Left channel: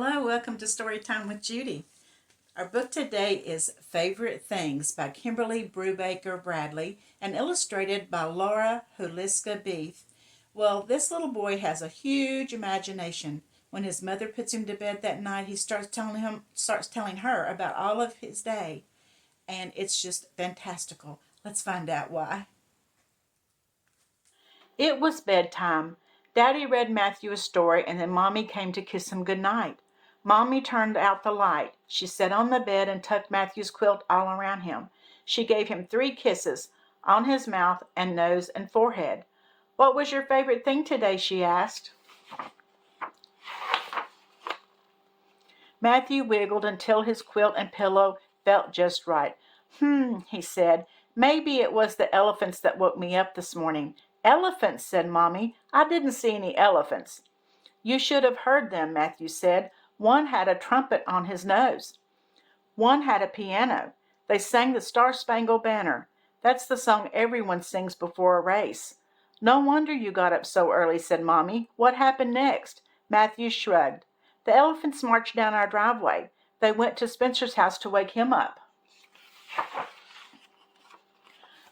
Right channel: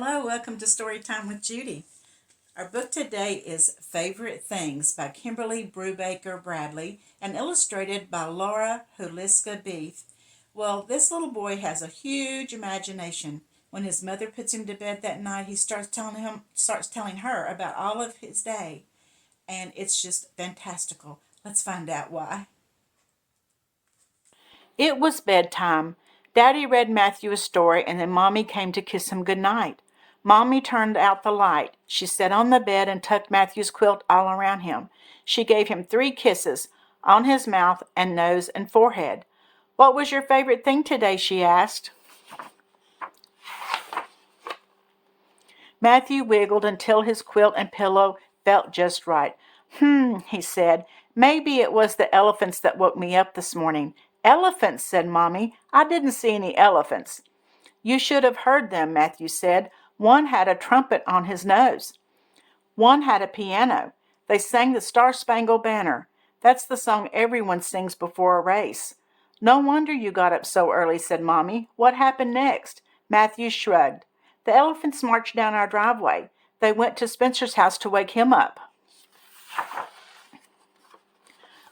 Hello, welcome to Storytime with Judy. Our book today is Favorite Things by Kimberly Brubaker Bradley and illustrated by Laura Huliska Beef. Well, this little boy has a huge imagination. When his mother puts him to bed that night, he starts telling her about all of his day, and it's just fantastical. Let's find out why. It was bedtime. Daddy read Matthew a story, and then Mommy came to kiss him good night. Mommy turned out the light. She sat on the bed and tucked Matthew's quilt all around him. She gave him 3 kisses, on his mouth and nose and forehead. "What was your favorite thing today?" she asked. Matthew wiggled until his quilt and pillow felt just right. He said. "Maybe it was the elephants that woke me up this morning." "Elephants," said Mommy. "I didn't see any elephants." "You should have heard them," Matthew said. "One had a trumpet on his nose. One had a piano. They sang the Star-Spangled Banner. That's the song everyone sings before a race." "No wonder you got up so early," said Mommy. "What happened next?" Matthew shrugged. "The elephants marched down our driveway. They went to Spencer's house to wake him up."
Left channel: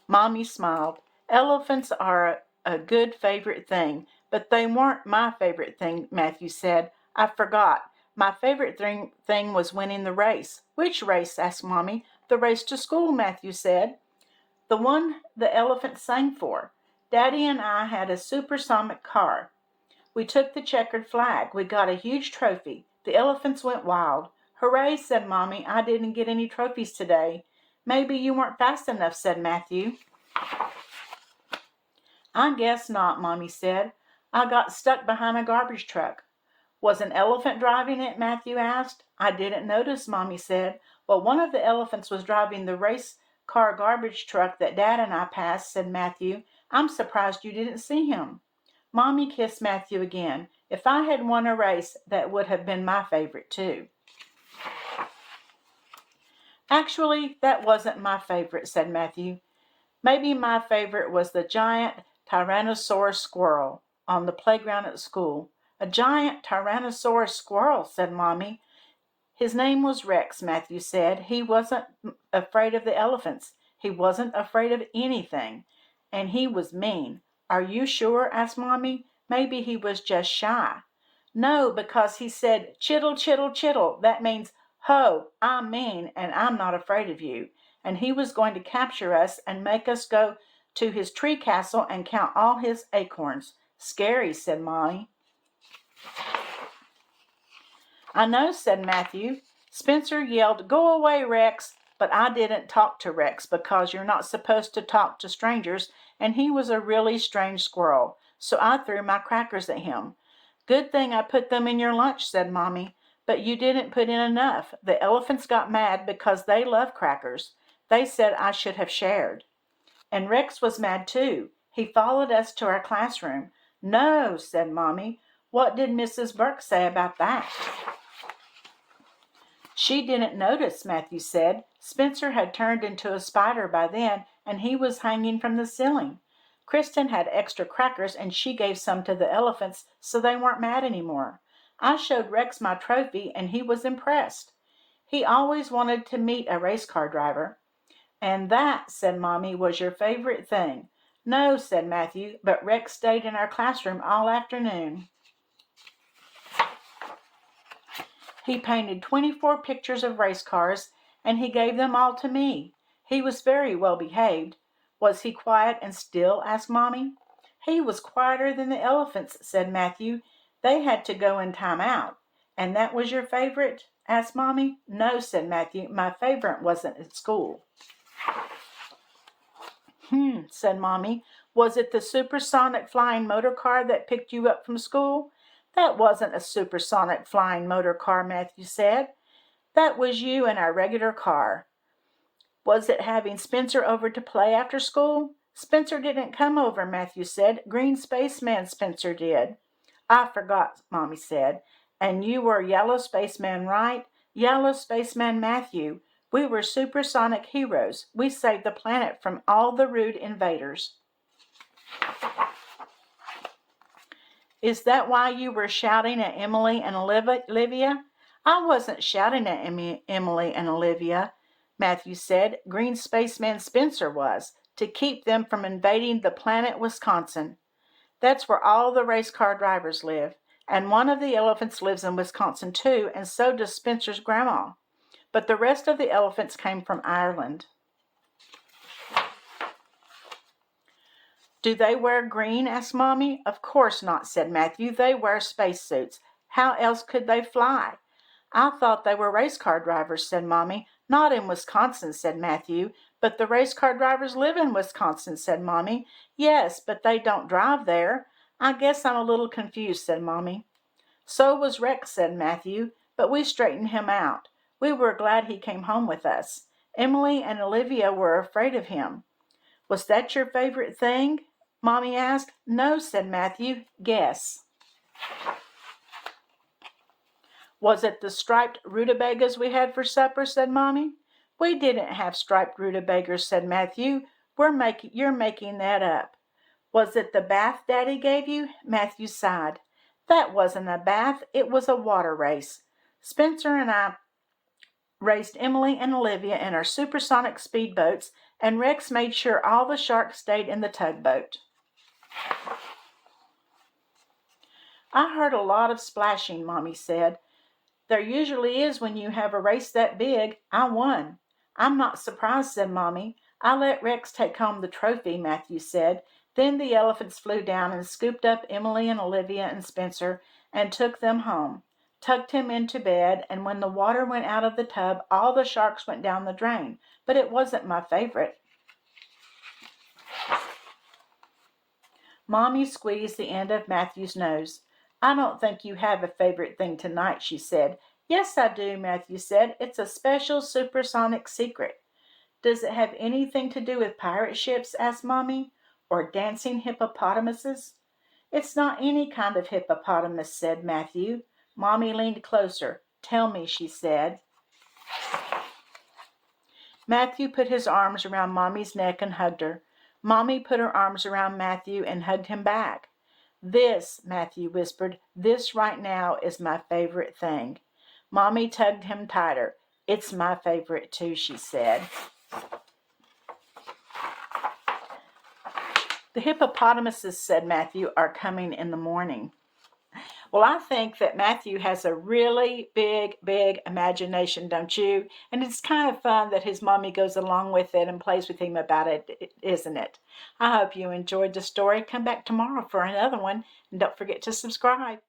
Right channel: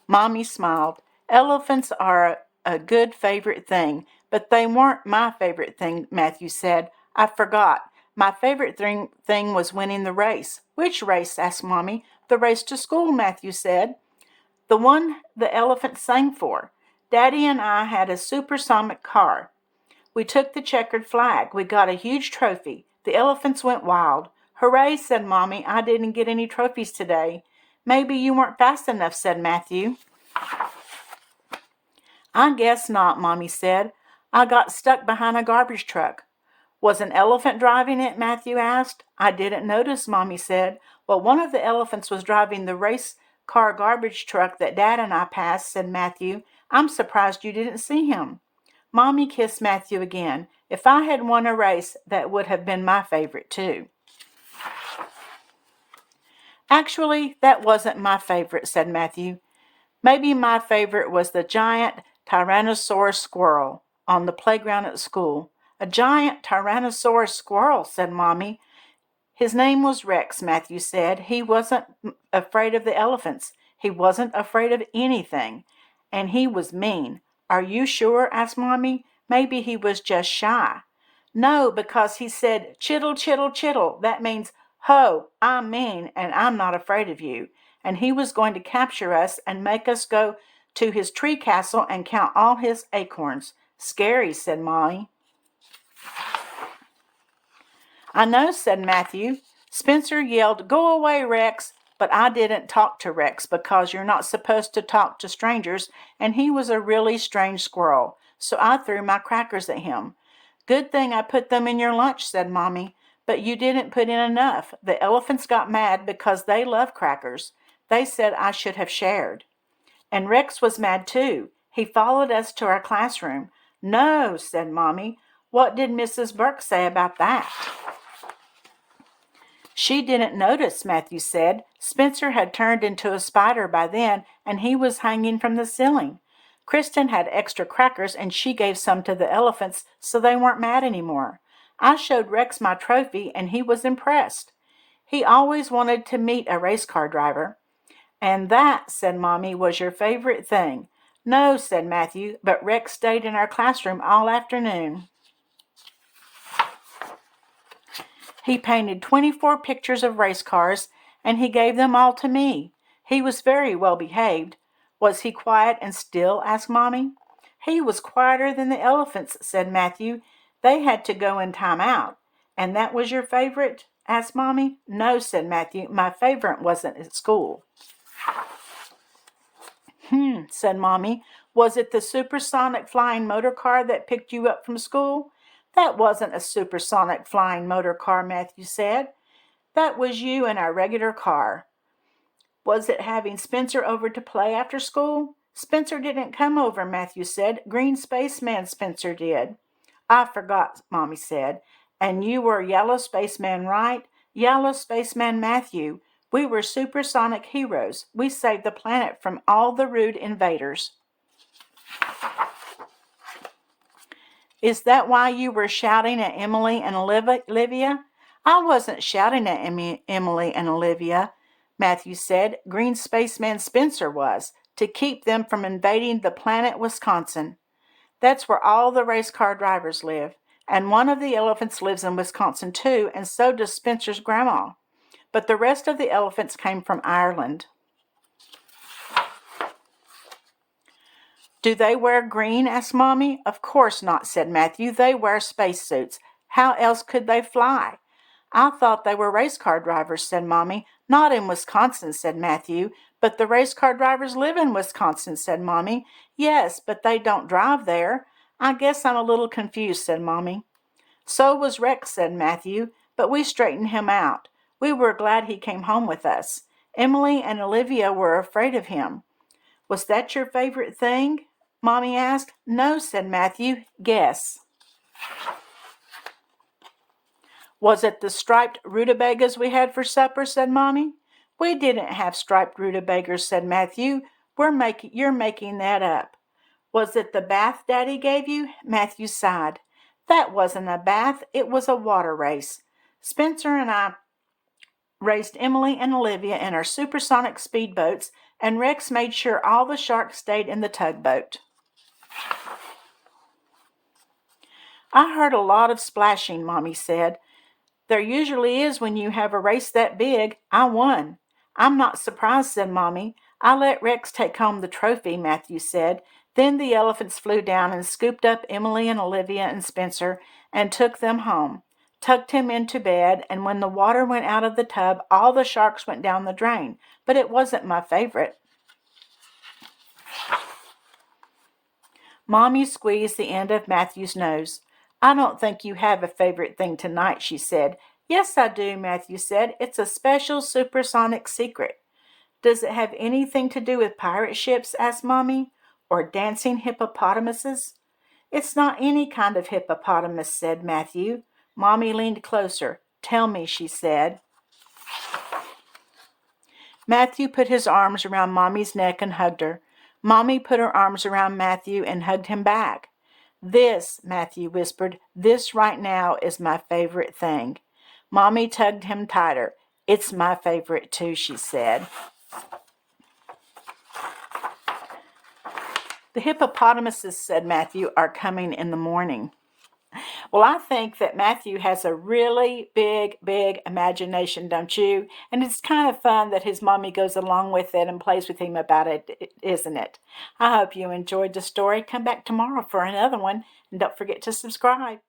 Mommy smiled. "Elephants are a good favorite thing, but they weren't my favorite thing," Matthew said. "I forgot. My favorite thing was winning the race." "Which race?" asked Mommy. "The race to school," Matthew said. "The one the elephants sang for. Daddy and I had a supersonic car. We took the checkered flag. We got a huge trophy. The elephants went wild." "Hooray," said Mommy. "I didn't get any trophies today." "Maybe you weren't fast enough," said Matthew. "I guess not," Mommy said. "I got stuck behind a garbage truck." "Was an elephant driving it?" Matthew asked. "I didn't notice," Mommy said. "Well, one of the elephants was driving the race car garbage truck that Dad and I passed," said Matthew. "I'm surprised you didn't see him." Mommy kissed Matthew again. "If I had won a race, that would have been my favorite too." "Actually, that wasn't my favorite," said Matthew. "Maybe my favorite was the giant Tyrannosaurus squirrel on the playground at school." "A giant Tyrannosaurus squirrel," said Mommy. "His name was Rex," Matthew said. "He wasn't afraid of the elephants. He wasn't afraid of anything. And he was mean." "Are you sure?" asked Mommy. "Maybe he was just shy." "No, because he said, 'Chittle, chittle, chittle.' That means, 'Ho, I'm mean and I'm not afraid of you.' And he was going to capture us and make us go to his tree castle and count all his acorns." "Scary," said Mommy. "I know," said Matthew. "Spencer yelled, 'Go away, Rex.' But I didn't talk to Rex because you're not supposed to talk to strangers, and he was a really strange squirrel. So I threw my crackers at him." "Good thing I put them in your lunch," said Mommy. "But you didn't put in enough. The elephants got mad because they love crackers. They said I should have shared." "And Rex was mad too. He followed us to our classroom." "No," said Mommy. "What did Mrs. Burke say about that?" "She didn't notice," Matthew said. "Spencer had turned into a spider by then, and he was hanging from the ceiling. Kristen had extra crackers, and she gave some to the elephants, so they weren't mad anymore. I showed Rex my trophy, and he was impressed. He always wanted to meet a race car driver." "And that," said Mommy, "was your favorite thing." "No," said Matthew, "but Rex stayed in our classroom all afternoon. He painted 24 pictures of race cars, and he gave them all to me. He was very well behaved." "Was he quiet and still?" asked Mommy. "He was quieter than the elephants," said Matthew. "They had to go in time out." "And that was your favorite?" asked Mommy. "No," said Matthew. "My favorite wasn't at school." Said Mommy. "Was it the supersonic flying motor car that picked you up from school?" "That wasn't a supersonic flying motor car," Matthew said. "That was you in our regular car." "Was it having Spencer over to play after school?" "Spencer didn't come over," Matthew said. "Green Spaceman Spencer did." "I forgot," Mommy said. "And you were Yellow Spaceman, right?" "Yellow Spaceman Matthew. We were supersonic heroes. We saved the planet from all the rude invaders." "Is that why you were shouting at Emily and Olivia?" I wasn't shouting at Emily and Olivia, Matthew said. Green Spaceman Spencer was, to keep them from invading the planet Wisconsin. That's where all the race car drivers live. And one of the elephants lives in Wisconsin too, and so does Spencer's grandma. But the rest of the elephants came from Ireland. Do they wear green? Asked Mommy. Of course not, said Matthew. They wear spacesuits. How else could they fly? I thought they were race car drivers, said Mommy. Not in Wisconsin, said Matthew. But the race car drivers live in Wisconsin, said Mommy. Yes, but they don't drive there. I guess I'm a little confused, said Mommy. So was Rex, said Matthew, but we straightened him out. We were glad he came home with us. Emily and Olivia were afraid of him. Was that your favorite thing? Mommy asked. No, said Matthew. Guess. Was it the striped rutabagas we had for supper, said Mommy. We didn't have striped rutabagas, said Matthew. You're making that up. Was it the bath Daddy gave you? Matthew sighed. That wasn't a bath, it was a water race. Spencer and I raced Emily and Olivia in our supersonic speedboats, and Rex made sure all the sharks stayed in the tugboat. I heard a lot of splashing, Mommy said. There usually is when you have a race that big. I won. I'm not surprised, said Mommy. I let Rex take home the trophy, Matthew said. Then the elephants flew down and scooped up Emily and Olivia and Spencer and took them home, tucked him into bed, and when the water went out of the tub, all the sharks went down the drain. But it wasn't my favorite. Mommy squeezed the end of Matthew's nose. I don't think you have a favorite thing tonight, she said. Yes, I do, Matthew said. It's a special supersonic secret. Does it have anything to do with pirate ships? Asked Mommy. Or dancing hippopotamuses? It's not any kind of hippopotamus, said Matthew. Mommy leaned closer. Tell me, she said. Matthew put his arms around Mommy's neck and hugged her. Mommy put her arms around Matthew and hugged him back. This, Matthew whispered, this right now is my favorite thing. Mommy tugged him tighter. It's my favorite too, she said. The hippopotamuses, said Matthew, are coming in the morning. Well, I think that Matthew has a really big imagination, don't you? And it's kind of fun that his mommy goes along with it and plays with him about it, isn't it? I hope you enjoyed the story. Come back tomorrow for another one, and don't forget to subscribe.